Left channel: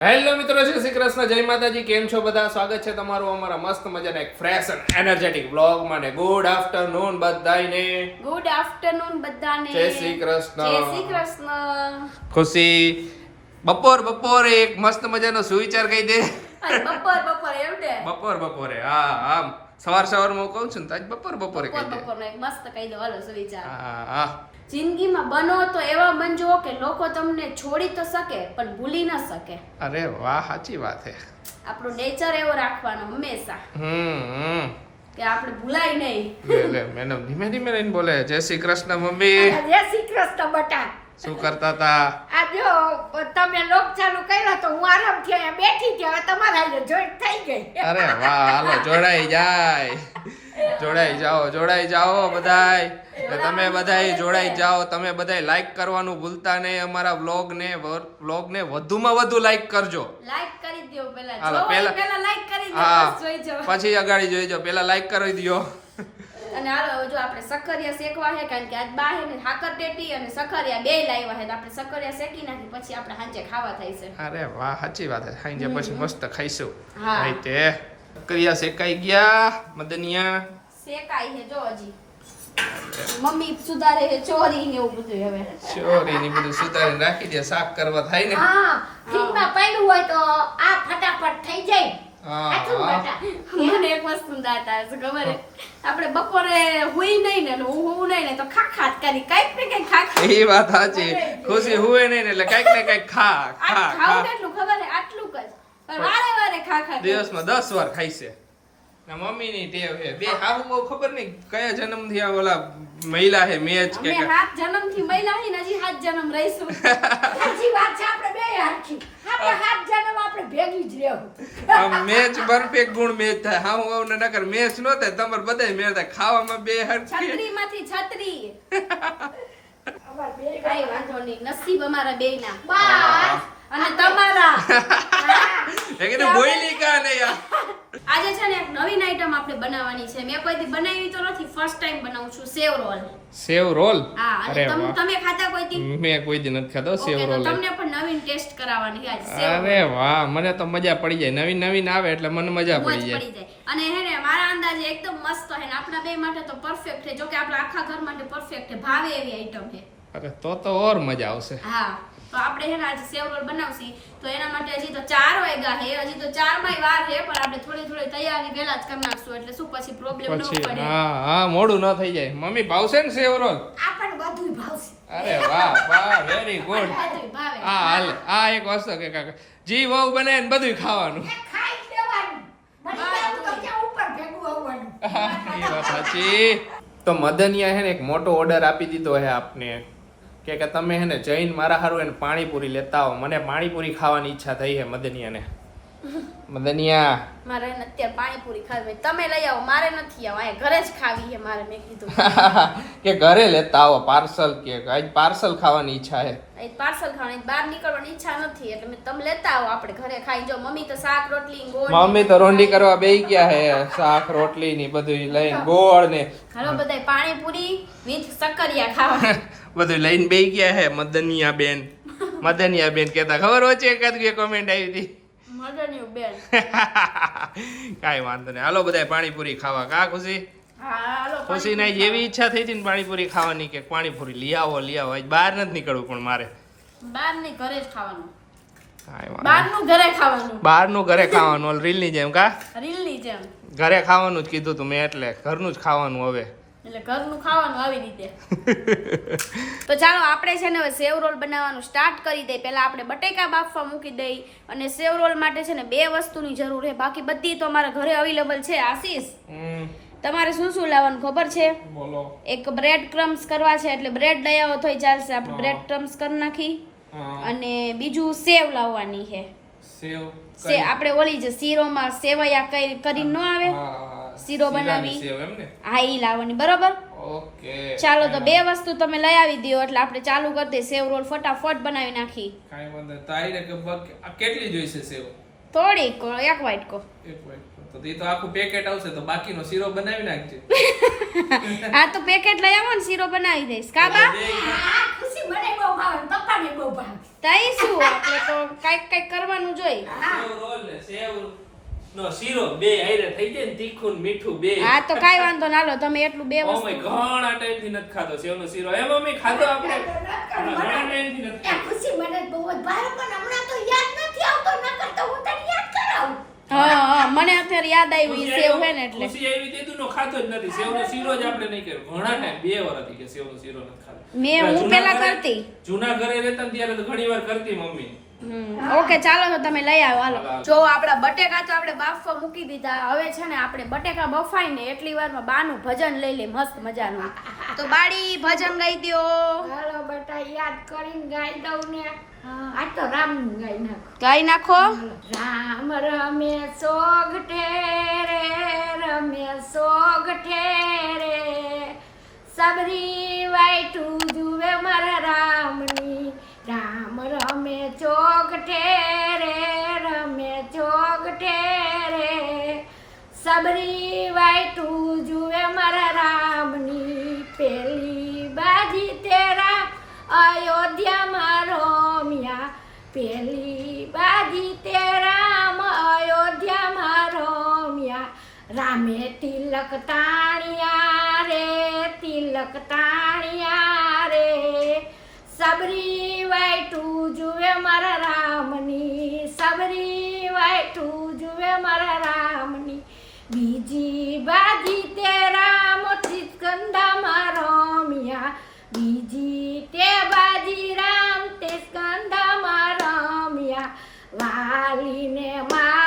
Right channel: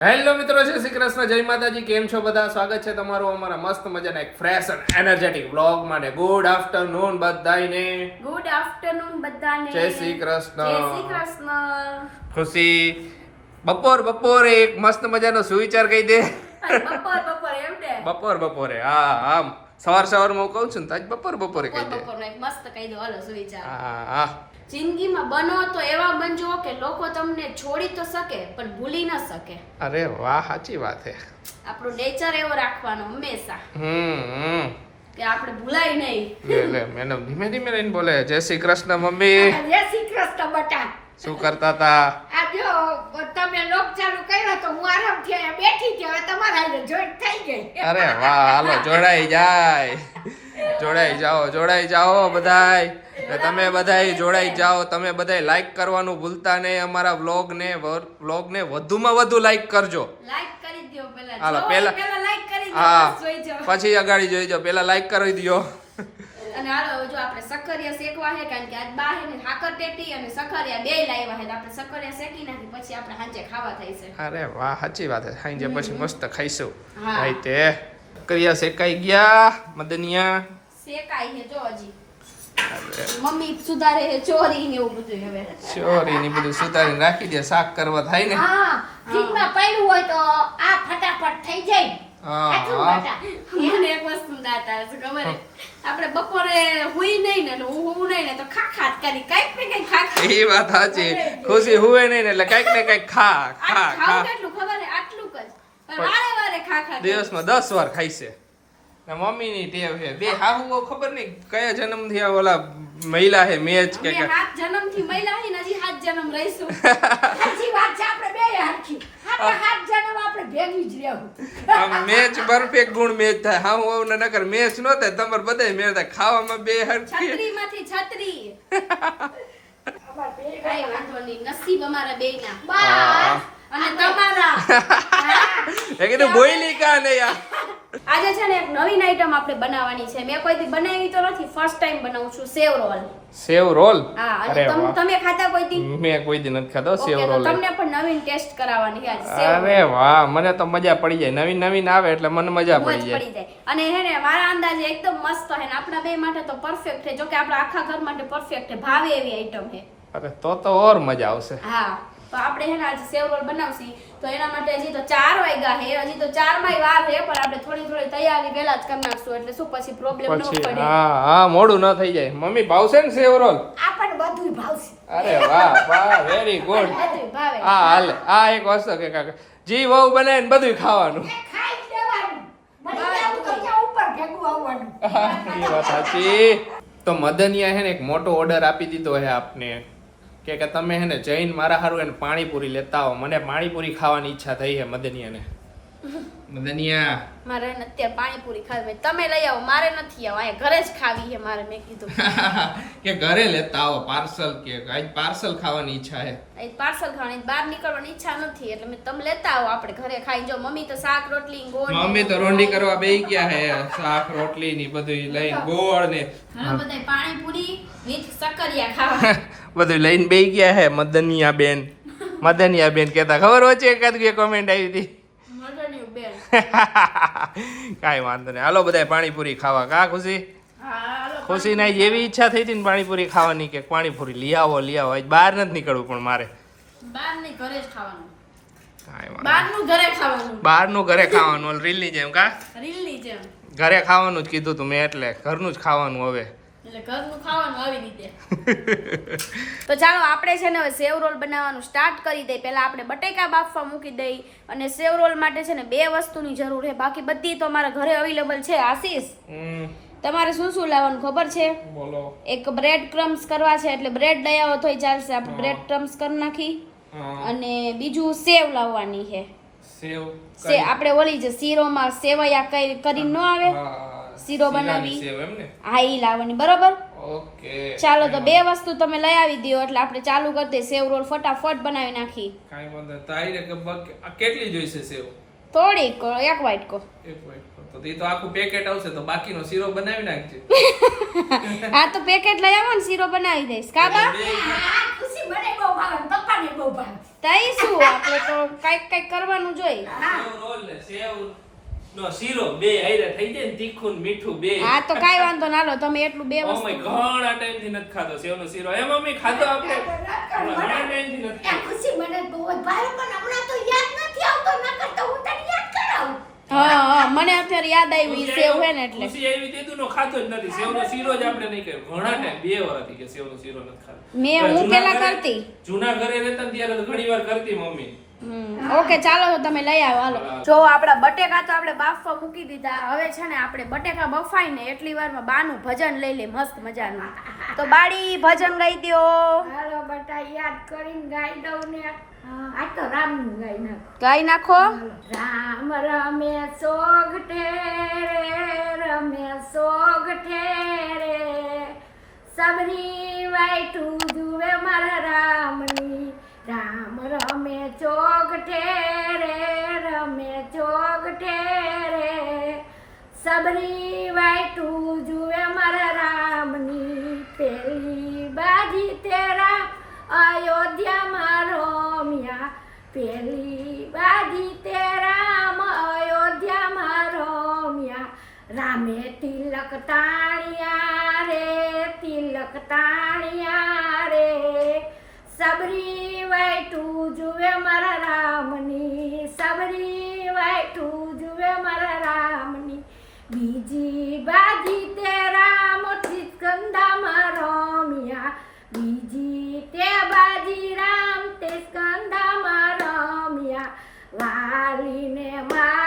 Hello મિત્રો જય શ્રી કૃષ્ણ જય માતાજી કેમ છો બધા? સ્વાગત છે તમારું અમારા મસ્ત મજાના એક ફ્રેશ અને એનર્જેટિક વ્લોગમાં ને ગુડ આફ્ટરનૂન બધાને ગુડ આફ્ટરનૂન બધાને. જય શ્રી કૃષ્ણ. જય શ્રી કૃષ્ણ. ખુશી. બપોર બપોરે એક મસ્ત મજાનો સુવિચાર કહી દે. બપોર બપોર એમ ને બપોર બપોરે હા આમ સવાર સવારમાં હું કહું છું ને આજ બપોર બપોરે કહી દે. બપોર મસ્ત કહી દે હાલો સુવિચાર. હા હા. જિંદગીમાં બનો તો એવા બનજો કે લોકો તમને છોડી તો શકે પણ ભૂલી ન શકે. અરે વાહ સાચી વાત છે આપણો નેચર એવો રાખવાનો હંમેશા. હમ કે આપણે ભૂલાય નહીં. લે લે મેડમ ધીમે ધીમે રહીને બોલે જય શ્રી કૃષ્ણ મમ્મી. જય શ્રી કૃષ્ણ બટા. શું કરતા હતા આ જો તમે લોક ચાલુ કર્યો તો હું આરામથી અહીંયા બેઠી હતી હવે તમારા હારે જોઈન્ટ થઈ ગઈ. અરે વાહ હાલો જોડાઈ જાય. જોડાઈ જાઓ જોડાઈ જાઓ બધાય. તમે બધાય જોડાઈ જાઓ તમે બધાય લાઈક કરવાનું ભૂલતા નહીં અમારા વ્લોગ ને વ્લોગ ને વધુમાં વધુ લાઈક કરજો. લાઈક કરી દો પહેલા હાલો, પહેલા- પહેલા લાઈક કરી દો પછી અગાડી જોઈ જાઓ પેલા લાઈક કરી દો અને હાલો જો આપણે સખરિયા શેકવા છે કારણ કે આજ બાહે ને હાકર ટેટી અને સખરિયા બે લાવ્યા છે આપણે સખરિયા શેકી નાખી પછી આપણે સાંજે ખાવા થાય છે. અરે વાહ સાચી વાત છે. સાંજે પછી મસ્ત ખાઈશું. હા. તે કરિયા શેકાઈ ગયા મદનિયા. શેકાઈ છે જો હજી. મમ્મી સુધારે ચોરી ને એવું બધું હવે. ચોરી ને બધું સુધારી રાખી દે શાક કરવા થાય ને. હા ફ્રીજમાં પડ્યું હોય તો આ ફટાફટ થઈ જાય. હા. હા. એક વસ્તુ દાતા ખબર આપણે બપોરે હુઈ નહીં ને હું હું નહીં ને તો ખા ખાટ કરી કંઈક ને કંઈક ખા ખા એ વાત સાચી. ખુશી હુએ નહીં ને એટલે કંઈક ને કંઈક ખા ખા ખા કેટલું? ખબર આટલું જ. પણ વારે વારે ખા ખા દિવસમાં દસ વાર ખાઈ છે. ને ટેવ છે. બે હાહુ બહુ ખબર નહીં કયા જન્મથી આ ઓલા મહિલા છે મેચ કે અમે હાથ જન્મથી મહિલા હે ને હજી હાથ જન્મ રહીશું. સાચી વાત છે આપણે બે હરખી હાથ જન્મ આપણે ભેગી જ રહેવું. મેચ પરફેક્ટ ગુણ મેચ થાય. હા હું ને નકર મેચ નો થાય તમારે બધાય મેચ થાય. ખાવામાં બે હર છત્રી. માંથી છત્રી કઈ વાંધો નહીં. નસીબ અમારા બેયના. હા. અને તમારા. કીધું બોઈલી કા ને યાર. આજે છે ને એક નવીન આઈટમ આપણે બનાવવાની છે. મેં કોઈ દી બનાવી તો નથી. ફર્સ્ટ ટાઈમ બનાવું છું સેવ રોલ. સેવ રોલ? હા અને તમે તમે ખાતા કોઈ દી? મેં કોઈ દી નથી ખાતો સેવ રોલ. તમને પણ નવીન ટેસ્ટ કરાવવાની છે આજે સેવ અરે વાહ મને તો મજા પડી જાય. નવીન નવીન આવે એટલે મને મજા મોજ પડી જાય. પડી જાય. અને હે ને મારા અંદાજે એકદમ મસ્ત હે ને આપણા બે માટે તો પરફેક્ટ છે. જો કે આપણા આખા ઘર માટે પરફેક્ટ છે. ભાવે એવી આઈટમ છે. અરે તો તો ઓર મજા આવશે. હા. તો આપણે હે ને આજે સેવ રોલ બનાવશી. તો એના માટે હજી તો ચાર વાગ્યા હે હજી તો ચારમાં વાર હે પણ આપણે થોડી થોડી તૈયારી પહેલા જ કરી નાખશું. એટલે શું પછી પ્રોબ્લેમ ન પડે. હા હા મોડું ન થઈ જાય. મમ્મી ભાવશે ને સેવ રોલ આપણને બધું ભાવશે. અરે વાહ વાહ વેરી ગુડ બધું ભાવે. હા હાલ આ એક વસ્તુ કે કાકા જી વહુ બનાવીને બધું ખાવાનું. ખાઈ લેવાનું. બની જાવું તો ત્યાં ઉપર ભેગું આવવાનું. એ વાત સાચી. તો મદનિયા હે ને એક મોટો ઓર્ડર આપી દીધો હે આપને. કે કે તમે હે ને જૈન મારા હારું એને પાણીપુરી લેતા આવો. મને પાણીપુરી ખાવાની ઈચ્છા થઈ છે મદનિયાને. મદનિયા. મારે અત્યારે પાણીપુરી ખાવી તમે લઈ આવો મારે નથી આવો. અહીંયા ઘરે જ ખાવી છે મારે મેં કીધું. કે ઘરે લેતા આવો પાર્સલ કે આજ પાર્સલ ખાવાની ઈચ્છા હે. આજ પાર્સલ ખાવાની બહાર નીકળવાની ઈચ્છા નથી. એટલે મેં તમે લેતા આવો આપણે ઘરે ખાઈ જો મમ્મી તો શાક રોટલી ગોળ મમ્મી તો રોંડી કરવા બેહી ગયા હે. શાક રોટલી ની બધું લઈને ગોળ ને હાલો બધાય પાણીપુરી વિથ સકરિયા ખાવા. બધું લઈને બે ગયા હે મદનિયા બેન મદનિયા બેન કેતા ખબર વચ્ચે એકાદ બે કોમેન્ટ આવી હતી? કાંઈ વાંધો નહીં. હાલો બધાય પાણીપુરી ખાવા. કા ખુશી? ખુશી ના એવી ઈચ્છા થઈ હતી ને પાણીપુરી ખાવાની કે પાણીપુરી લઈ આવો લઈ આવો. બહાર નથી નીકળવું પણ મારે. બહાર નહીં ઘરે જ ખાવાનું. બહારનું ઘરે ખાવાનું. રીલની જેમ કા? રીલની જેમ. ઘરે ખાવાનું જ કીધું તું મેં એટલે. ઘરનું જ ખાવાનું હવે. એટલે ઘરનું ખાવાનું આવી રીતે. તો ચાલો આપણે છે ને હવે સેવ રોલ બનાવવાનું સ્ટાર્ટ કરી દઈએ. પહેલાં આપણે બટેકા બાફવા મૂકી દઈ અને સેવ રોલ માટે છે ને બે વસ્તુની જરૂર છે. બાકી બધી તો અમારા ઘરે અવેલેબલ છે. આશીષ તમારે શું શું લાવવાનું ખબર છે? બોલો. એક બ્રેડ ક્રમ્સ કરવા છે એટલે બ્રેડ લઈ આવો તોય ચાલશે. આપણે બ્રેડ ક્રમ્સ કરી નાખી અને બીજું સેવ લાવવાની છે. સેવ આપણે ઓલી જે શીરોમાં સેવૈયા કઈ કરીને ન આવે? શીરો બનાવી. હા એ લાવવાની બરોબર? ઓકે ચાલો તો બે વસ્તુ તમે લઈ આવી દો એટલે આપણે ચાલુ કરી દઈએ. સેવ રોલ ફટાફટ બનાવી નાખી. કાઈ વાંધો નહીં. તો આઈ રે કે બક- કેટલી જોઈશે સેવ? થોડીક એક વાટકો એક વાટકો. તો એ તો આખું પેકેટ આવશે તો બાકીનો શીરો બનાવી નાખજે. હા તો પેકેટ લઈ આવો ને શીરો બનાવી દઈશ. કાબા ખુશી મને બહુ ભાવે પપ્પાને બહુ ભાવે. તઈ શું આપણે તો કંઈક કંઈક કરવાનું જોઈએ સેવ રોલ સેવ નો શીરો બે હારે થઈ જાય ને તીખું ને મીઠું બે. હા તો કાઈ વાંધો ના લો તમે એટલું બે વસ્તુ ઓમે ઘણા ટાઈમથી નથી ખાધો સેવનો શીરો. એમ અમે ખાધો આપણે. ઘણા ટાઈમથી નથી ખુશી મને બહુ જ પણ હમણાં તો યાદ નથી આવતો ન કરતો હું તને યાદ કરાવું. હા હા મને અત્યારે યાદ આવી સેવ હે ને એટલે. ખુશી આવી તે નો ખાધો જ નથી. સેવનો શીરો જ આપણે નહીં કર્યો ઘણા ટાઈમ બે વર્ષથી કે સેવનો શીરો નથી ખાધો. મેં હું પેલા કરતી. જૂના ઘરે રહેતા ત્યારે તો ઘણી વાર કરતી મમ્મી. ઓકે ચાલો તો તમે લઈ આવો હાલો. જો આપણા બટેકા તો આપણે બાફવા મૂકી દીધા. હવે છે ને આપણે બટેકા બફાઈ ને એટલી વારમાં બાનું ભજન લઈ લે મસ્ત મજાનું. તો બાડી ભજન ગાઈ દો હાલો બટા યાદ કરીને ગાઈ દઉં ને. આ તો રામ ગાઈ નાખો. ગાઈ નાખો. રામ રમે સોગઠે રે રમે સોગઠે રે સબરી વાઈટું જુએ મારા રામની. રામ રમે ઠેરે, રમે ચોગઠે ઠેરે. સબરી વાઈટું જુએ મારા રામની પેલી બાજી તેરા. અયોધ્યામાં મિયા પેલી બાજી તે રામ અયોધ્યામાં મિયા રામે તિલક તાણિયા રે, તિલક તાણિયા રે. સબરી વાઈટું જુએ મારા રામની. સબરી વાઈટું જુએ મારા રામની. બીજી બાજી તે રામ સ્કંદામાં રમ્યા. બીજી તે બાજી રામ તે સ્કંદામાં રમ્યા. વાલીને માર્યો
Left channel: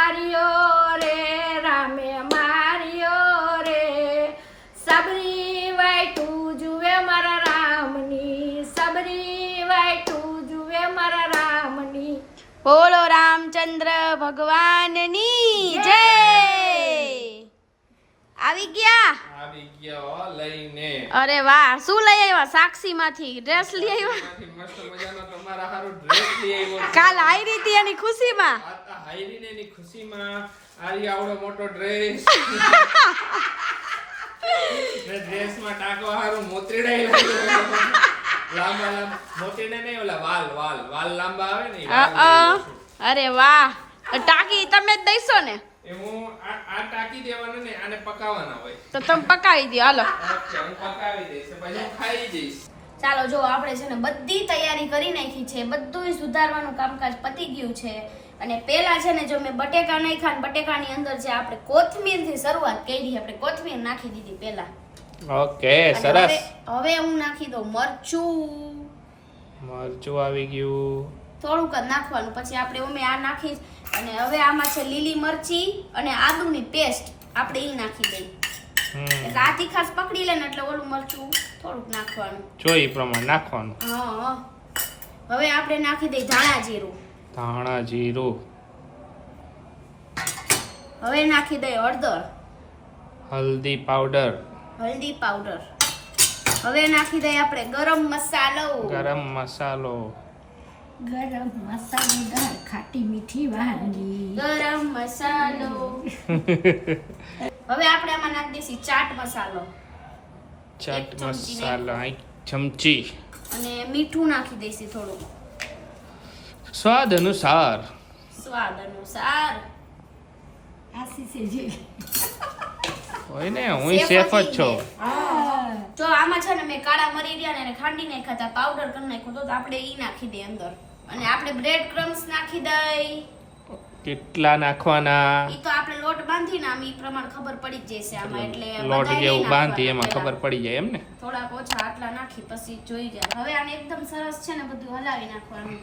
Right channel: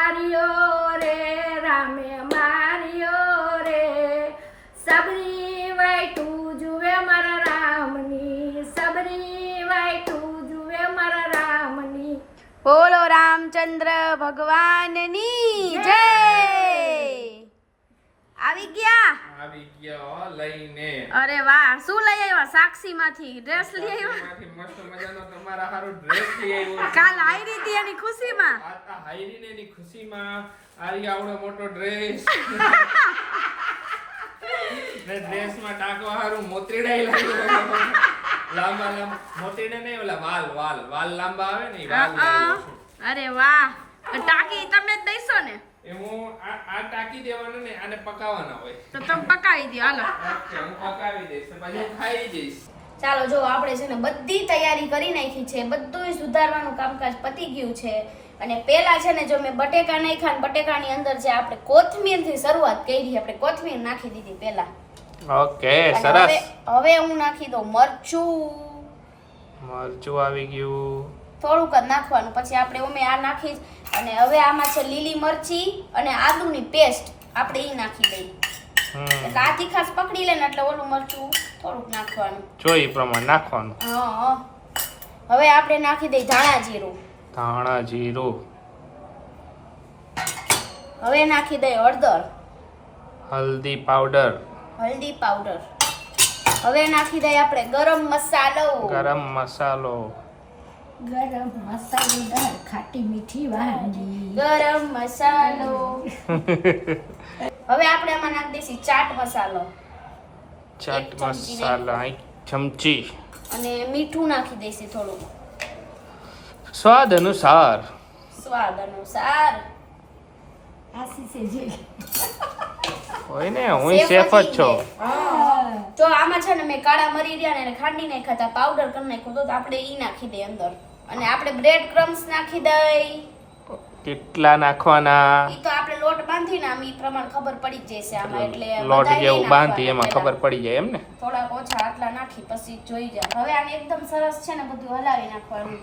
રામચંદ્ર ભગવાનની જય! આવી ગયા? આવી ગયા લઈને. અરે વાહ શું લઈ આવ્યા? સાક્ષી માંથી ડ્રેસ લઈ આવ્યા? મસ્ત મજાનો તમારા હારો ડ્રેસ લઈ આવ્યો. કાલ આવી હતી એની ખુશીમાં? આ તા હાયરીને એની ખુશીમાં. આરી આવડો મોટો ડ્રેસ ને ડ્રેસમાં ટાંકવા હારું મોતરીડાઈ લાગ્યો લાંબા લાંબા મોતરીડા નહીં ઓલા વાલ વાલ વાલ લાંબા આવે ને વાલ. અરે વાહ ટાંકી તમે જ દઈશો ને? એ આ આ ટાંકી દેવાના ને આને પકાવવાના હોય. તો તમે પકાવી દો હાલો. ઓકે હું પકાવી દઈશ પછી હું ખાઈ જઈશ. ચાલો જો આપણે છે ને બધી તૈયારી કરી નાખી છે બધું સુધારવાનું કામકાજ પતી ગયું છે. અને પેલા છે ને જો મેં બટેકા નાખ્યા ને બટેકાની અંદર જે આપણે કોથમીરથી શરૂઆત કરી આપણે કોથમીર નાખી દીધી પેલા ઓકે સરસ હવે હવે હું નાખી દઉં મરચું. મરચું આવી ગયું. થોડુંક જ નાખવાનું. પછી આપણે અમે આ નાખી અને હવે આમાં છે લીલી મરચી અને આદુની પેસ્ટ. આપણે એ નાખી દઈ એટલે આ તીખાસ પકડી લે ને એટલે ઓલું મરચું થોડુંક નાખવાનું. જોઈ પ્રમાણે નાખવાનું. હા હવે આપણે નાખી દઈ ધાણા જીરું. ધાણા જીરું. હવે નાખી દઈ હળદર. હલ્દી પાવડર. હલ્દી પાવડર. હવે નાખી દઈ આપણે ગરમ મસાલો. ગરમ મસાલો. ગરમ મસાલેદાર ખાટી મીઠી વાનગી. ગરમ મસાલો. હવે આપણે આમાં નાખી દઈશું ચાટ મસાલો. ચાટ મસાલા એક ચમચી. અને મીઠું નાખી દઈશું થોડું. સ્વાદ અનુસાર. સ્વાદ અનુસાર. આશીષે જે હોય ને હું સેફ જ છો. જો આમાં છે ને મેં કાળા મરી રહ્યા ને ખાંડી નાખ્યા હતા પાવડર કરી નાખ્યો તો આપણે ઈ નાખી દે અંદર. અને આપણે બ્રેડ ક્રમ્સ નાખી દઈ. કેટલા નાખવાના? ઈ તો આપણે લોટ બાંધીને આમ ઈ પ્રમાણ ખબર પડી જ જશે આમાં એટલે લોટ જેવું બાંધી એમાં ખબર પડી જાય એમ ને? થોડા ઓછા આટલા નાખી પછી જોઈ જાય હવે આને એકદમ સરસ છે ને બધું હલાવી નાખવાનું.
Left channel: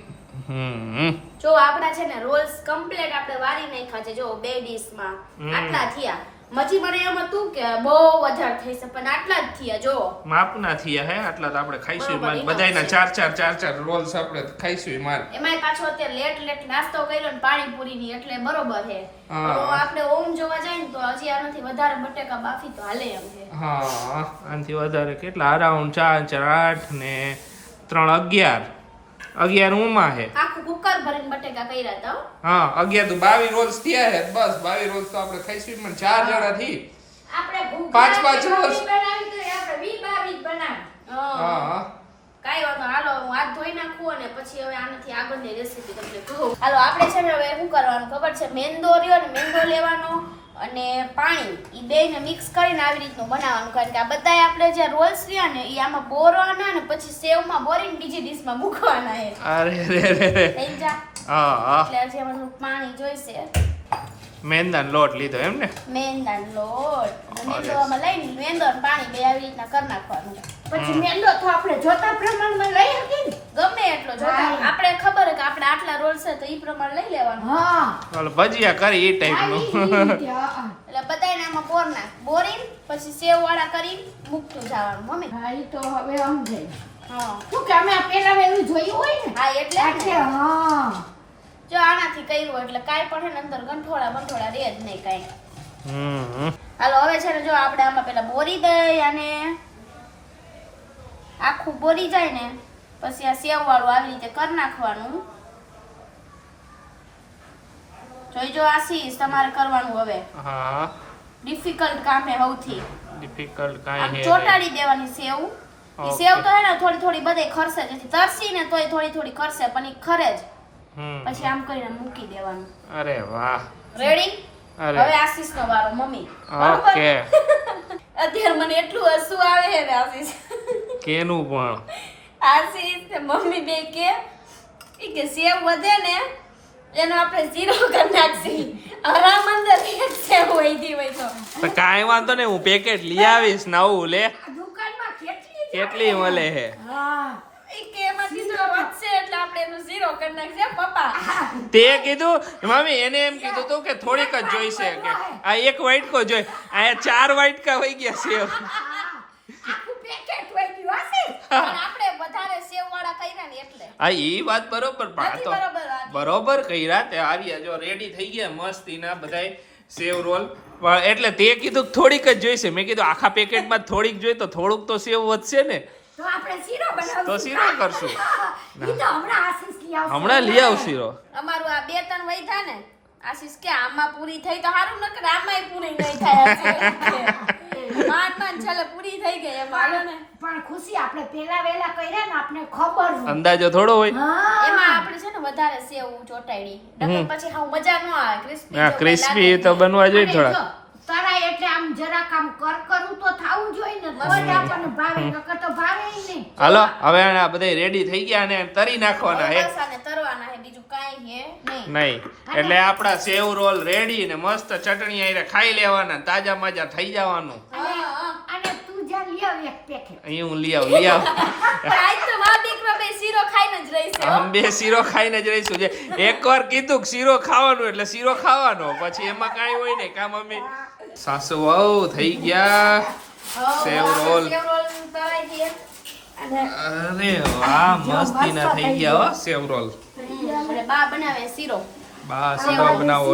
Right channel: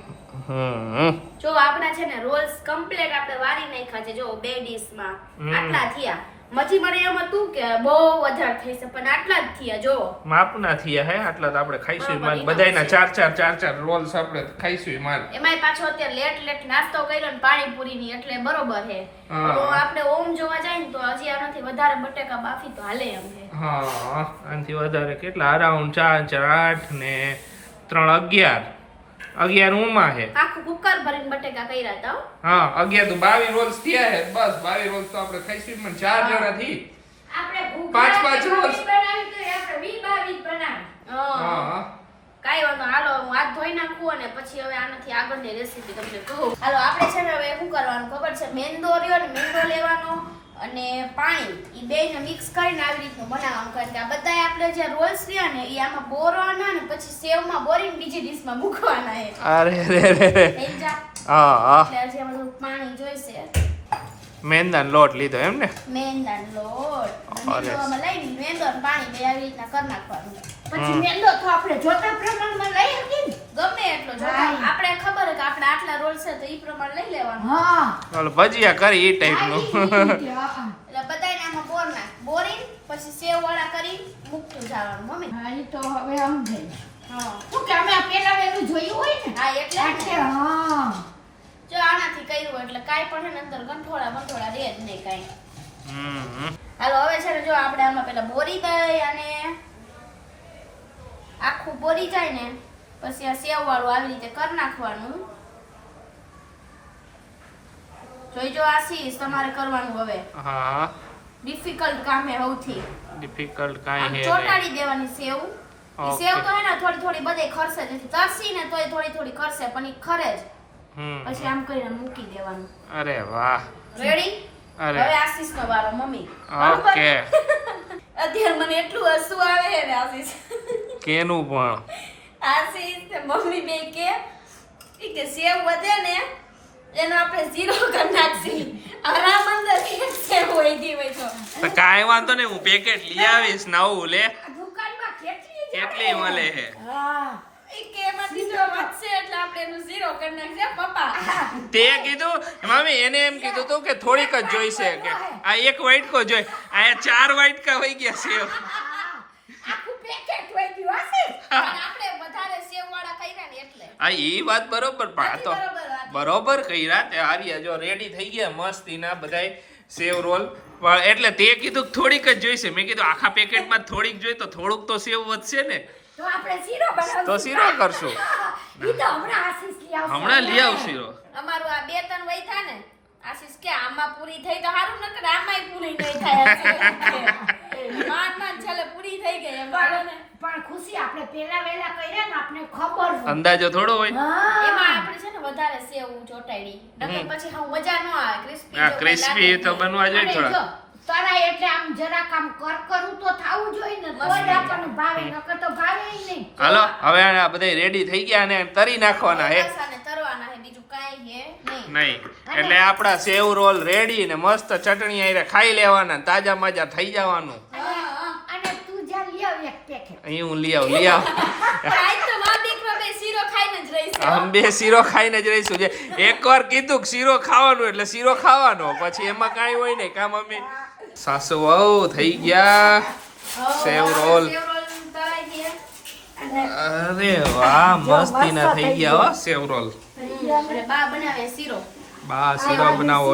જો આપણા છે ને રોલ્સ કમ્પ્લીટ આપણે વારી નાખ્યા છે જો બે ડીશમાં આટલા થયા. મજી મને એમ હતું કે બહુ વધારે થઈ છે પણ આટલા જ થયા જો. માપ ના થયા હે આટલા તો આપણે ખાઈશું માર બધાયના ચાર ચાર ચાર ચાર રોલ્સ આપણે ખાઈશું માર એમાંય પાછો અત્યારે લેટ લેટ નાસ્તો કર્યો ને પાણીપુરી ની એટલે બરોબર હે હા. તો આપણે ઓમ જોવા જાય ને તો હજી આનાથી વધારે બટેકા બાફી તો હાલે એમ છે. હા આનાથી વધારે કેટલા? અરાઉન્ડ ચાર ચાર આઠ ને ત્રણ અગિયાર. અગિયાર ઉમાં હે. આખું કુકર ભરીને બટેકા કર્યા હતા હા. અગિયાર તો બાવીસ રોજ થયા હે. બસ બાવીસ રોજ તો આપણે ખાઈ સ્વીટમાં ચાર જણા થી. આપણે પાંચ પાંચ રોજ. બનાવી તો આપણે વી બાવી જ બનાવી. હા. હા. કાંઈ વાંધો હાલો હું હાથ ધોઈ નાખું અને પછી હવે આનાથી આગળની રેસીપી તમને કહું. હાલો આપણે છે ને હવે શું કરવાનું ખબર છે? મેંદો રહ્યો ને મેંદો લેવાનો. અને પાણી એ ને મિક્સ કરીને આવી રીતનું બનાવવાનું. કારણ કે આ બધા આપણે જે રોલ્સ રહ્યા ને એ આમાં બોરવાના ને પછી સેવમાં બોરીને બીજી ડીશમાં મૂકવાના છે. અરે રે રે રે હા હા. એટલે હજી મને પાણી જોઈશે. મેંદાનો લોટ લીધો એમ ને? મેંદાનો લોટ. મેંદોમાં લઈને મેંદો પાણી બે આવી રીતના કરી નાખવાનું પછી મેંદો તો આપણે જોતા પ્રમાણમાં એટલો જો આપણે ખબર છે કે આપણે આટલા રોલ છે તો એ પ્રમાણે લઈ લેવાનું. હા. ચાલો ભજીયા કરી ઈ રીતે, હા. એટલે બધાય આમાં બોર ના બોરીને પછી સેવ વાળા કરી મુકતું જવાનું મમ્મી. હા ઈ તો હવે સમજાય. હા. શું કે અમે પેલા એવું જોયું હોય ને? હા એટલે આટલે હા. જો આનાથી કર્યું એટલે કાઈ પણ અંદર ગંઠોળા બંઠોળા રહે જ નહીં કાઈ. હમ. હાલો હવે છે ને જો આપણે આમાં પેલા બોરી દઈ અને આખું બોરી જાય ને પછી આ સેવ વાળું આવી રીતે કરી નાખવાનું. જોઈજો આશીષ તમારે કરવાનું હવે. હા. ડિફિકલ્ટ કામ હે સૌથી. ડિફિકલ્ટ આમ હે ચોટાડી દેવાની સેવ. ઈ સેવ તો હે ને થોડી થોડી બધે ખરશે જેથી તરસી ને તોય થોડી થોડી ખરશે પણ ઈ ખરે જ. પછી આમ કરીને મૂકી દેવાનું. અરે વાહ. રેડી અરે. હવે આશીષ નો વારો મમ્મી. ઓકે અત્યારે મને એટલું હસવું આવે છે ને આશીષ. કેનું પણ? આશીષ મમ્મી બે કે એ કે સેવ વધે ને એનો આપણે ઝીરો કરી નાખશી. આરામ અંદર એક સેવ હોય દી હોય તો. તો કાંઈ વાંધો નહીં હું પેકેટ લઈ આવીશ નવું લે. દુકાનમાં કેટલી કેટલી મળે? હે. હા ઈ કે એમાંથી વધશે એટલે આપણે એનું ઝીરો કરી નાખશે પપ્પા? તે કીધું મમ્મી એને એમ કીધું તું કે થોડીક જ જોઈશે કે આ એક વાઇટકો જોઈ આ ચાર વાઇટકા હોય ગયા છે આખું પેકેટ હોય ગયું હશે પણ આપણે વધારે સેવ વાળા કર્યા ને એટલે હા એ વાત બરોબર પણ આ તો બરોબર કર્યા તે આવ્યા જો રેડી થઈ ગયા મસ્તીના બધાય સેવ રોલ. એટલે તે કીધું થોડીક જ જોઈશે. મેં કીધું આખા પેકેટમાં થોડીક જોઈ તો થોડુંક તો સેવ વધશે ને. તો શીરો કરશું. હમણાં લઈ આવ શીરો. અમારું આ બે ત્રણ વૈધા ને આશીષ કે આમાં પૂરી થઈ તો સારું નકર આમાં આમાંય પૂરી નહીં થાય માંડ માંડ છેલ્લે પૂરી થઈ ગઈ એમ હાલો ને પણ ખુશી આપણે પહેલા વેલા કર્યા ને આપણે ખબર હોય. અંદાજો થોડો હોય. એમાં આપણે છે ને વધારે સેવ ચોટાડી. નકર પછી હાવ મજા ન આવે. ક્રિસ્પી હા ક્રિસ્પી તો બનવા જોઈએ થોડો થોડા તારા એટલે આમ જરાક આમ કરકરું તો થાવું જોઈએ ને તો આપણને ભાવે નકર તો ભાવે નહીં. હાલો હવે આ બધા રેડી થઈ ગયા ને તરી નાખવાના હે. તરવાના હે બીજું કાઈ હે નહીં. નહીં. એટલે આપણા સેવ રોલ રેડી ને મસ્ત ચટણી આઈને ખાઈ લેવાના તાજા માજા થઈ જવાનું. અને જા લઈ આવ એક પેકેટ અહીં હું લઈ આવ લઈ આવ. આજ તો મા દીકરો બે શીરો ખાઈને જ રહીશું. આમ બે શીરો ખાઈને જ રહીશું. જે એકવાર કીધું કે શીરો ખાવાનું એટલે શીરો ખાવાનો. પછી એમાં કાંઈ હોય નહીં. કામ અમે સાસુ વહુ થઈ ગયા. સેવ રોલ. અરે વાહ મસ્તીના થઈ ગયા હો સેવ રોલ. બા બનાવે શીરો. બા બનાવો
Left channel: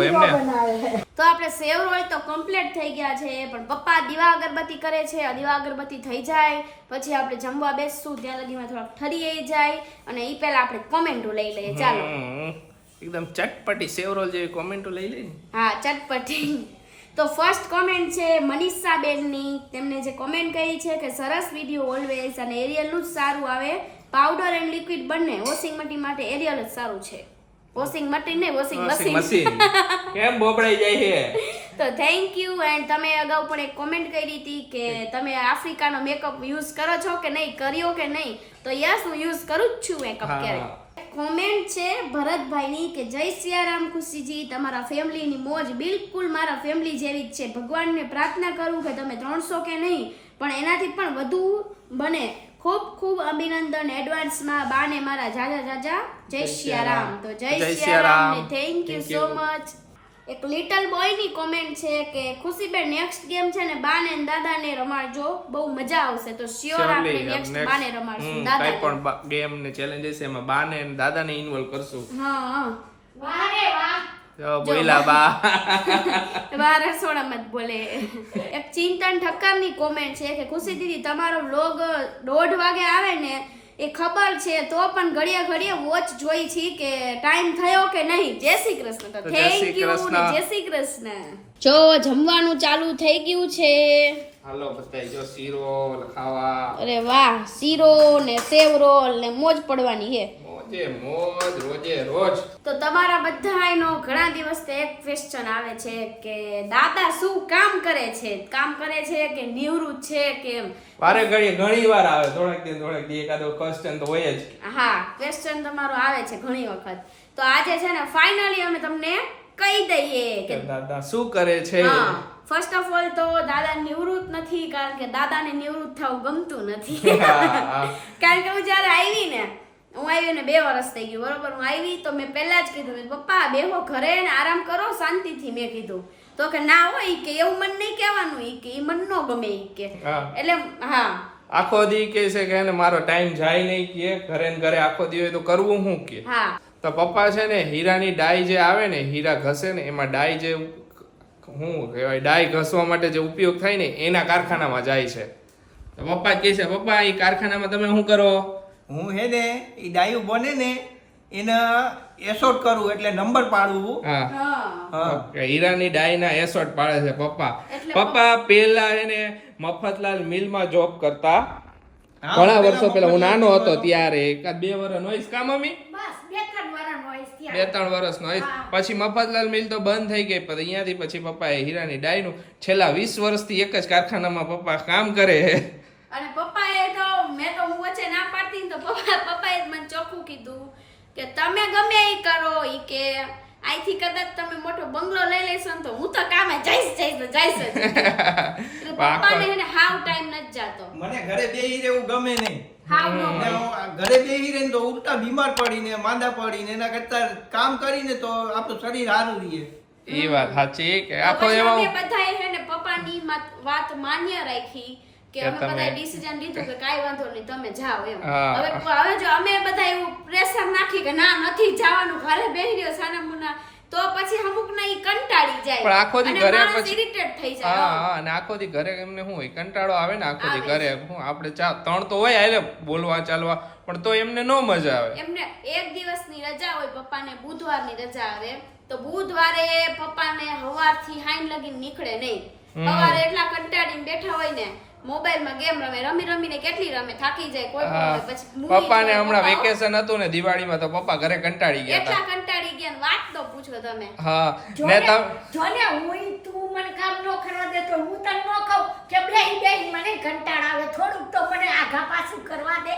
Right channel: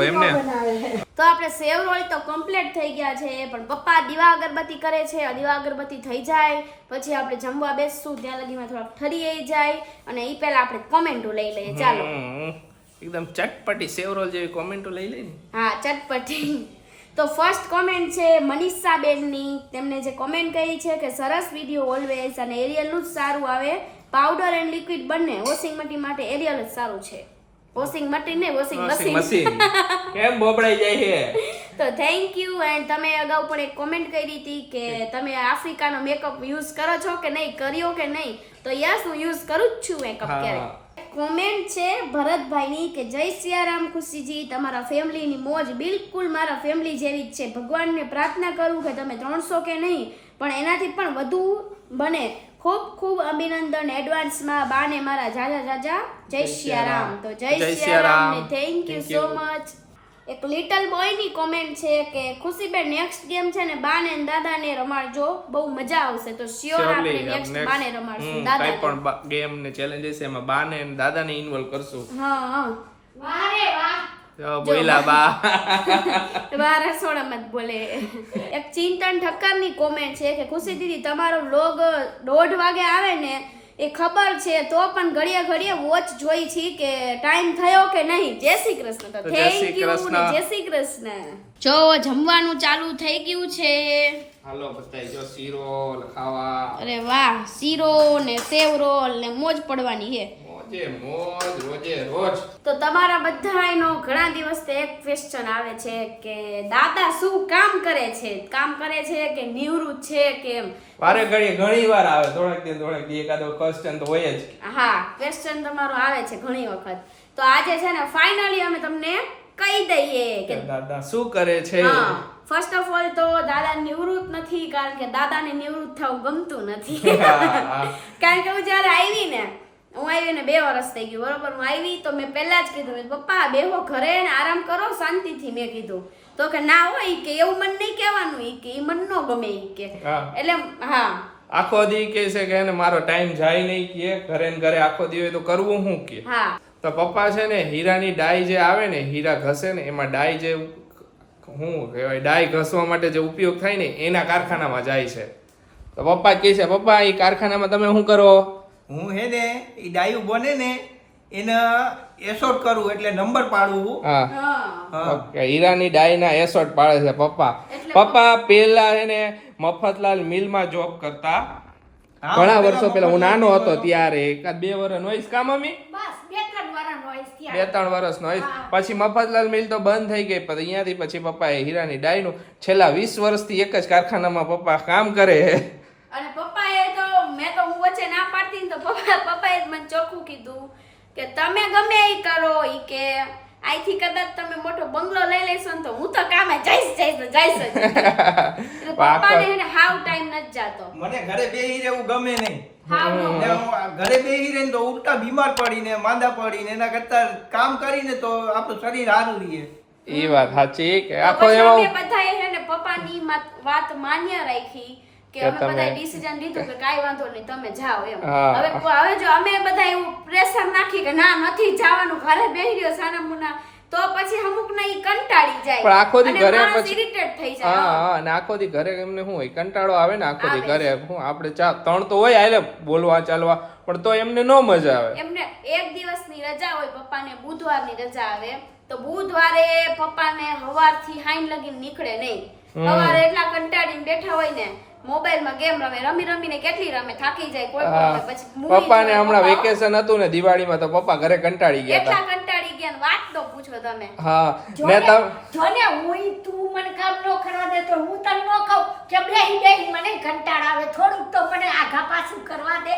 તો આપણે સેવ રોલ તો કમ્પ્લીટ થઈ ગયા છે પણ પપ્પા દીવા અગરબત્તી કરે છે દીવા અગરબત્તી થઈ જાય પછી આપણે જમવા બેસશું ત્યાં લગીમાં થોડાક ઠરી જાય અને એ પહેલા આપણે કોમેન્ટો લઈ લઈએ. ચાલો. એકદમ ચટપટી સેવ રોલ જેવી કોમેન્ટો લઈ લઈ હા ચટપટી. તો ફર્સ્ટ કોમેન્ટ છે મનીષા બેનની તેમને જે કોમેન્ટ કહી છે કે સરસ વીડિયો ઓલવેઝ અને એરિયલનું જ સારું આવે. પાવડર એન્ડ લિક્વિડ બંને વોશિંગ મટી માટે એરિયલ જ સારું છે. વોશિંગ મશીન નહીં વોશિંગ મશીન કેમ બોબડાઈ જાય છે? તો થેન્ક યુ એન્ડ તમે અગાઉ પણ એક કોમેન્ટ કરી હતી કે તમે આફ્રિકાનો મેકઅપ યુઝ કરો છો કે નહીં કર્યો કે નહીં? તો યસ હું યુઝ કરું જ છું મેકઅપ ક્યારેક કોમેન્ટ છે ભરતભાઈની કે જય સિયારામ ખુશીજી તમારા ફેમિલીની મોજ બિલકુલ મારા ફેમિલી જેવી જ છે. ભગવાનને પ્રાર્થના કરું કે તમે ત્રણસો કે નહીં પણ એનાથી પણ વધુ બને. ખૂબ ખૂબ અભિનંદન એડવાન્સમાં બાને મારા જાજા જાજા. જય સિયારામ તો જય Siyaram thank you so much એક લિટલ બોયની કોમેન્ટ છે કે ખુશીબેન નેક્સ્ટ ગેમ છે ને બા ને દાદાને રમાડજો. બહુ મજા આવશે. તો શ્યોર આપણે નેક્સ્ટ બાને રમાડશું. દાદા કાંઈ પણ ગેમ ને ચેલેન્જીસ એમાં બા ને દાદા ને ઇન્વોલ્વ કરશું. હા હા. વાહ રે વાહ. જો બા. બા રસોડામાં જ બોલે. એક ચિંતન ઠક્કરની કોમેન્ટ છે કે ખુશી દીદી તમારો વ્લોગ દોઢ વાગે આવે ને એ ખબર છે તો પણ ઘડીએ ઘડીએ વોચ જોઈ છી કે ટાઈમ થયો કે નહીં. જય શ્રી કૃષ્ણ. તો થેન્ક યુ કૃષ્ણ. જય શ્રી કૃષ્ણ. જો જમવાનું ચાલુ થઈ ગયું છે. હાલો બતાઈ જો શીરો ખાવા. અરે વાહ શીરો ને સેવ રોલ ને મોજ પડવાની છે મોજે મોજ રોજે રોજ. તો તમારા બધાયનો ઘણા દિવસથી એક ક્વેશ્ચન આવે છે કે દાદા શું કામ કરે છે? કામ કરે છે કે નિવૃત્ત છે કે એમ? વારે ઘડીએ ઘણી વાર આવે થોડાક દિન થોડાક દી એકાદો ક્વેશ્ચન તો હોય જ. હા ક્વેશ્ચન તમારો આવે છે ઘણી વખત. તો આજે છે ને ફાઇનલી અમે તમને કહી દઈએ કે દાદા શું કરે છે? હા ફર્સ્ટ ઓફ ઓલ તો દાદા નિવૃત્ત નથી કારણ કે દાદાને નિવૃત્ત થવું ગમતું નથી. કારણ કે હું જ્યારે આવી ને હું આવી ને બે વર્ષ થઈ ગયું બરોબર? હું આવી તો મેં પહેલાં જ કીધું પપ્પા બેહો ઘરે ને આરામ કરો. શાંતિથી મેં કીધું. તો કે ના હોય કે એવું મન નહીં કહેવાનું એ કે એ મન ન ગમે એ કે. હા. એટલે હા. આખો દી કે છે કે એને મારો ટાઈમ જાય નહીં કે ઘરે ને ઘરે આખો દી હોય તો કરવું શું કે? હા. તો પપ્પા છે ને હીરાની ડાઈ જે આવે ને હીરા ઘસે ને એમાં ડાઈ જે હું કહેવાય ડાઈ ઘસવા માટે જે ઉપયોગ થાય ને એના કારખાનામાં જાય છે. તો પપ્પા કહે છે પપ્પા એ કારખાનામાં તમે શું કરો? હું હે ને એ ડાયું બને ને એને એસોટ કરું એટલે નંબર પાડવું હા. હા. હા ઓકે, હીરાની ડાયના એસોટ પાડે છે પપ્પા. પપ્પા પપ્પા પેલા એને મફતલાલ મિલમાં જોબ કરતા. ઘણા વર્ષો પેલા હું નાનો હતો ત્યારે એકાદ બે વર્ષ નોઈસ કામ અમી બે ત્રણ વર્ષ નો હા. પછી મફતલાલ મિલ તો બંધ થઈ ગઈ પણ અહીંયાથી પછી પપ્પાએ હીરાની ડાયનું છેલ્લા વીસ વર્ષથી એક જ કારખાનામાં પપ્પા કામ કરે અને પપ્પાએ તો મેં તો હું વચ્ચે ના તો પપ્પા પપ્પાએ જ મને ચોખ્ખું કીધું કે તમે ગમે એ કરો એ કે અહીંથી કદાચ તમે મોટો બંગલો લઈ લેશો ને તો હું તો કામે જઈશ જઈશ જઈશ જ. એટલે પપ્પાને હે ને હાવ ટાઈમ નથી જાતો. મને ઘરે બેહી રહેવું ગમે નહીં. હાવ નો ને હું આ ઘરે બેહી રહીને તો ઉલટા બીમાર પડીને માંદા પડીને એના કરતા કામ કરીને તો આપણું શરીર સારું રહીએ એ વાત સાચી કે આખો પછી એવો બધાએ હે ને પપ્પાની વાત માન્ય રાખી. કે અમે બધા ડિસિઝન લીધું કે કાઈ વાંધો નહીં તમે જાઓ એમ. હવે હવે જો અમે બધા એવું પ્રેશર નાખી કે ના નથી જવાનું ઘરે બેહી રહ્યો સાનામુના તો પછી અમુક ના ઈ કંટાળી જાય. આખો દી ઘરે માણસ ઇરિટેટ થઈ જાય હા હો. અને આખો દી ઘરે એમને શું હોય કંટાળો આવે ને આખો દી ઘરે શું આપણે ચા ત્રણ તો હોય આલે બોલવા ચાલવા પણ તો એમને નો મજા આવે. એમને એક દિવસની રજા હોય પપ્પાને બુધવારની રજા આવે તો બુધવારે પપ્પાને હવારથી હાઈન લગીને નીકળે નહીં. સવારે એટલા કંટાળીને બેઠા હોય ને મોબાઈલમાં ગેમ રમે રમી રમીને કેટલી રમે થાકી જાય કોઈ પણ હોય પછી મૂવી પપ્પાને હમણાં વેકેશન હતું ને દિવાળીમાં તો પપ્પા ઘરે કંટાળી ગયા એટલા કંટાળી ગયા ને વાત તો પૂછો તમે. હા ને ને તમ જો ને હું તું મને કામ નો કરવા દે તો હું તને નો કહું કે બેહી બેહી મને કંટાળ આવે થોડુંક તો મને આઘા પાછું કરવા દે.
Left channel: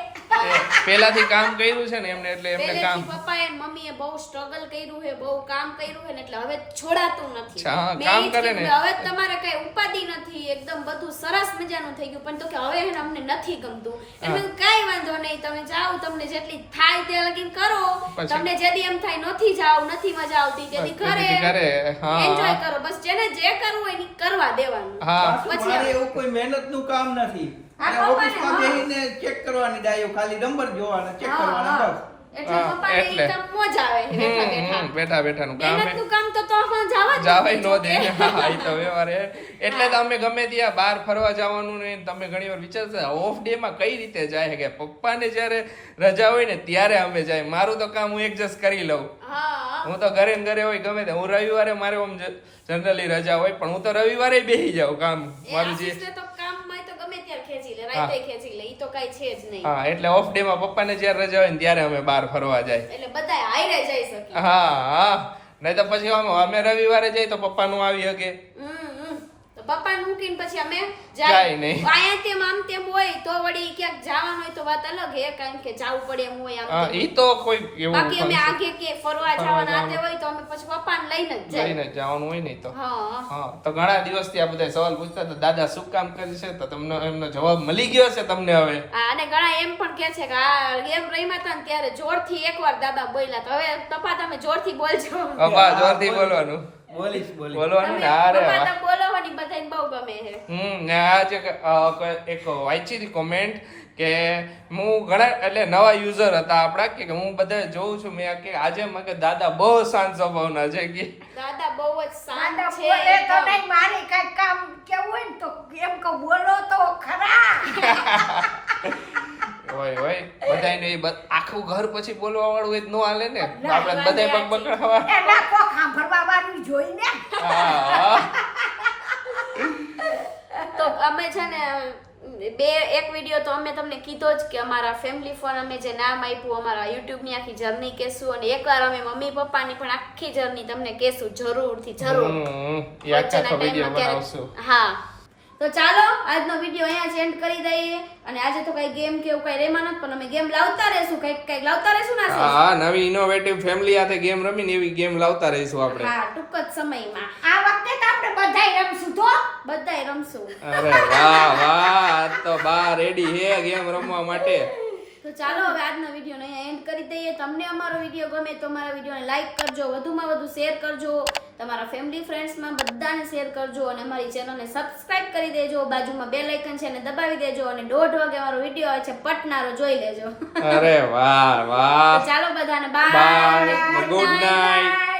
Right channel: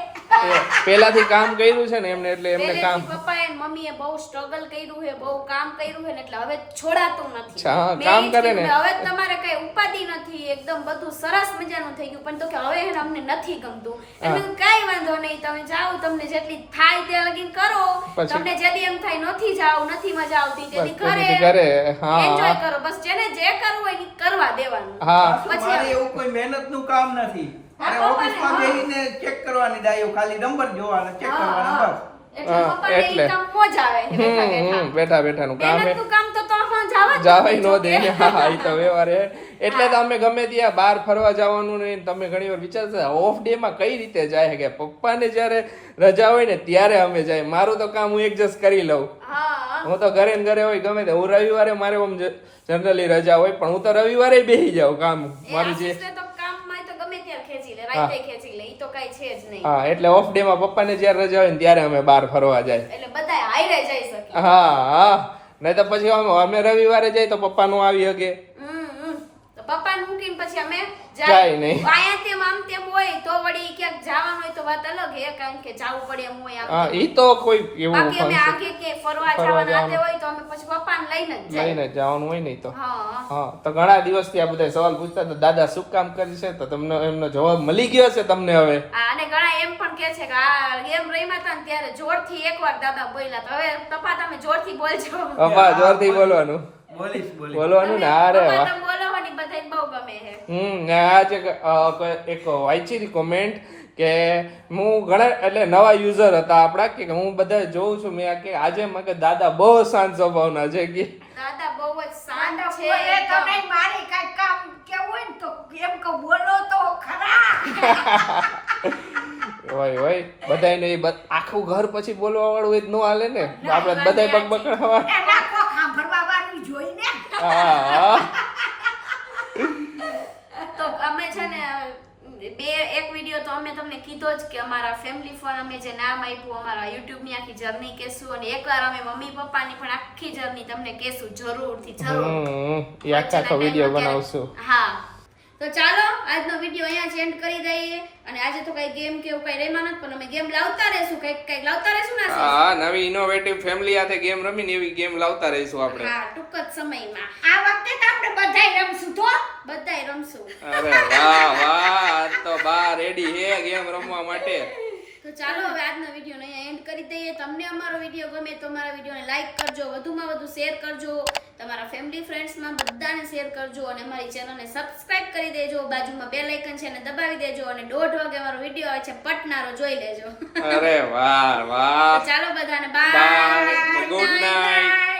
પહેલાથી કામ કર્યું છે ને એમને એટલે એમને કામ પપ્પાએ અને મમ્મીએ બહુ સ્ટ્રગલ કર્યું છે બહુ કામ કર્યું છે ને એટલે હવે છોડાતું નથી. મેં કામ જ કરે ને. હવે તમારે કઈ ઉપાધિ નથી એકદમ બધું સરસ મજાનું થઈ ગયું. પણ તો કે હવે એને અમને નથી ગમતું. એટલે મેં કાંઈ વાંધો નહીં. તમે જાઓ તમને જેટલી થાય ત્યાં લગીન કરો. તમને જેદી એમ થાય નથી જાવ નથી મજા આવતી તેથી ઘરે એન્જોય કરો. બસ જેને જે કરવું હોય ઈ કરવા દેવાનું. પછી એવું કોઈ મહેનતનું કામ નથી. અને ઓફિસમાં હા. ચેક કરવાની ડાયો ખાલી નંબર જોવાના ચેક કરવાના બસ. એટલે પપ્પાને ઈ કામ મોજ આવે છે બેઠા બેઠા. બેઠા બેઠાનું કામ એ- કામ તો તો હા જવા જાવાય નો દે જોકે. હા, ઈ તો વ્યવહાર હે. એટલે તો ગમે ત્યાં બહાર ફરવા જવાનું ને તમે ઘણી વાર વિચારશો ઓફ ડે માં કઈ રીતે જાય કે પપ્પાને જ્યારે રજા હોય ને ત્યારે અમે જાય. મારું તો કામ હું એડજસ્ટ કરી લઉં. હા. હું તો ઘરે ને ઘરે હોય ગમે તે. હું રવિવારે મારે જનરલી રજા હોય પણ હું તો રવિવારે બેસી જાઉં કામ. મારી જે આશીષને તો કામમાં તો ગમે ત્યાં ખેંચી લે રાતે ખેંચી લે ઈ તો કઈ છે જ નહીં. હા એટલે ઓફ ડે માં પપ્પાને જ્યારે રજા હોય ને ત્યારે અમે બહાર ફરવા જાય. એટલે બધા હાઈરે જઈ શકે હા હા. નહીં તો પછી અમે રવિવારે જઈએ તો પપ્પા નો આવી શકે. હમ. પપ્પાને મૂકીને પછી અમે જાય અહીંયા તેમ આમ તેમ હોય તો વળી ક્યાંક જવાનું હોય તો વાત અલગ હે કારણ કે જવું પડે એમ હોય આમ એ તો કોઈ બાકી અમે આગે કે ફરવા જવાના આતે હોય તો અમે પછી પપ્પાને લઈને જ જાય. લઈને જવાનું હોય ને તો. હા. હા તો ઘણા દિવસથી આ બધા સવાલ પૂછતા તો દાદા શું કામ કરે છે તો તમને એમનો જવાબ મળી ગયો છે તમને હવે. આ અને ઘણા એમ પણ કે છે કે આ ગેમ રમ્યા હતા ને ત્યારે જોરથી એકવાર દાદા બોલ્યા તો. હવે પપ્પા તમે જોરથી બોલજો. પપ્પા જોરથી બોલવાનું. બોલીશ બોલીશ બોલવાનું ને અરે પપ્પા વાહ. તમે બોલો હો ને બધાને બહુ ગમે છે હમ ને આજ એક એક વાંચી કોમેન્ટ કે હું ઘણા એટલે નવા યુઝર હતા આપણા કે હું બધા જોઉં છું મેં કે આજે મને દાદા બહુ શાંત સ્વભાવના છે કે દાદા બહુ જ શાંત છે બોલે તો. નહીં મારે કઈ કામ કેવું હોય ને તો એમ કે બોલો તો ખરા હોય હોય? બધાયને બ- આખું ઘર પછી બોલવા વાળું હોય તો હાલે ને? આપણે બધાય પગ પકડવા એના કોક સાંભળવા વાળું જોઈને તો અમે છે ને બે એક વીડિયો તો અમે તમને કીધો જ કે અમારા ફેમિલી ફોન અમે જે નામ આપ્યું અમારા યુટ્યુબની આખી જર્ની કહેશું અને એકવાર અમે મમ્મી પપ્પાની પણ આખી જર્ની તમને કહેશું જરૂરથી જરૂર. વચ્ચેના ટાઈમમાં ક્યારેક હા. તો ચાલો આજનો વીડિયો અહીંયા જ એન્ડ કરી દઈએ. અને આજે તો કઈ ગેમ કે એવું કઈ રેમાં નથી પણ અમે ગેમ લાવતા રહેશું કંઈક કંઈક લાવતા રહેશું ને હા નવી ઇનોવેટિવ ફેમિલી સાથે ગેમ રમીને એવી ગેમ લાવતા રહીશું આપણે. હા ટૂંક જ સમયમાં. આ વખતે તો આપણે બધાય રમશું તો? બધાય રમશું. અરે વાહ વાહ તો બા રેડી હે ગેમ રમવા માટે. તો ચાલો હવે આજનો વીડિયો અહીંયા એન્ડ કરી દઈએ. તમને અમારો વીડિયો ગમે તો અમારા વિડીયોને લાઈક કરજો વધુમાં વધુ શેર કરજો. તમારા ફેમિલી ફ્રેન્ડ્સમાં બધાને શેર કરજો અને અમારી ચેનલને સબસ્ક્રાઇબ કરી દેજો. બાજુમાં બે લાઇકન છે એને દબાવી દેજો અને દોઢ વાગે અમારો વીડિયો આવે છે પટનારો જોઈ લેજો. અરે વાહ વાહ. ચાલો બધાને બાય બાય ગુડ નાઇટ